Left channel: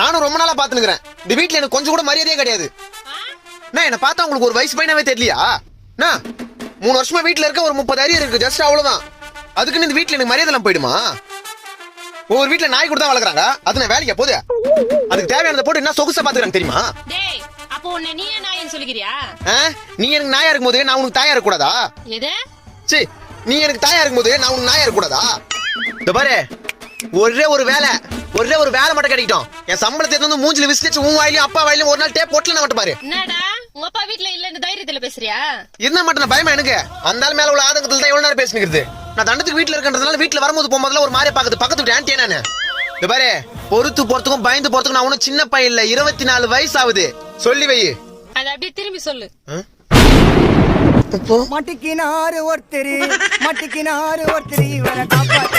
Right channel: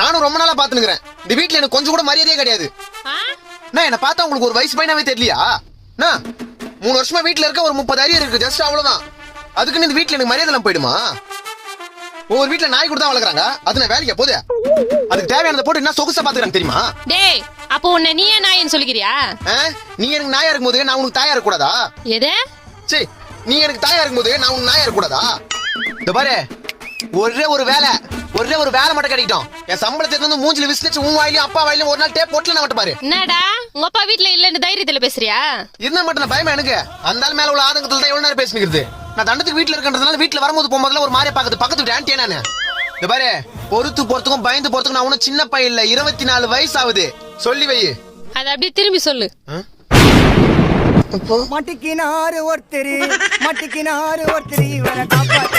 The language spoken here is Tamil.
நானும் ரொம்ப நாளா பாத்துனுக்குறேன். இந்த வீட்டுல எனக்கு கொஞ்சம் கூட மரியாதையே கிடையாது. நான் என்ன பார்த்தா உங்களுக்கு ஒரு வயசு பையனாவே தெரியலையா? 3 வருஷமா வீட்டுல இருக்க, ஒரு 30 அரியர் இருக்கு, ஜஸ்ட் அவ்வளவுதான். அதுக்குன்னு இந்த வீட்டுல எனக்கு மரியாதை எல்லாம் போயிடுமா? ஒவ்வொரு வீட்டுல நாய் கூட தான் வளர்க்குறாங்க. அது நான் வேலைக்கு போகுது. அதுக்கு தேவையானதை போட்டு என்ன சொகுசா பாத்துக்கிறாங்க தெரியுமா? டேய், அப்போ உன்னை நீயே நாயன்னு சொல்லிக்கிறியா? நீ எனக்கு நாயா இருக்கும் போது நான் உனக்கு தாயா இருக்க கூடாதா? எது? சரி, நீ எனக்கு தாயா இருக்கும் போது நான் உனக்கு நாயா இருக்க கூடாதா? இந்த பாரு, ஒரே ஒரு வேலை மட்டும் கிடைக்கட்டும். என் சம்பளத்தை வந்து மூஞ்சில விசிலிச்சு உன் வாயிலையும் அப்பா வாயிலையும் ஒரு நாள் டேப் போட்டுல மட்டும் பாரு. என்னடா உங்க அப்பா வீட்டுல இல்லன்னு தைரியத்துல பேசுறியா? இருந்தா மட்டும் நான் பயமா எனக்கு. அந்த ஆள் மேல உள்ள ஆதங்கத்துல தான் எவ்வளவு நேரம் பேசிக்கிறது. நான் தண்டத்துக்கு வீட்டுல இருக்கன்றதுனால வீட்டுல வரும்போது போகும்போதுல ஒரு மாதிரி பாக்குது. பக்கத்து ஆன்டியா நானு. இந்த பாரு, பொறுத்து போறதுக்கும் பயந்து போறதுக்கும் நான் ஒன்னும் சின்ன பையன் இல்ல. 24 வயசு ஆகுது. சொல்லி வை. அத அப்படியே திரும்பி சொல்லு. மட்டிக்கினாரு ஒருத்தர் இவரை காப்பாத்த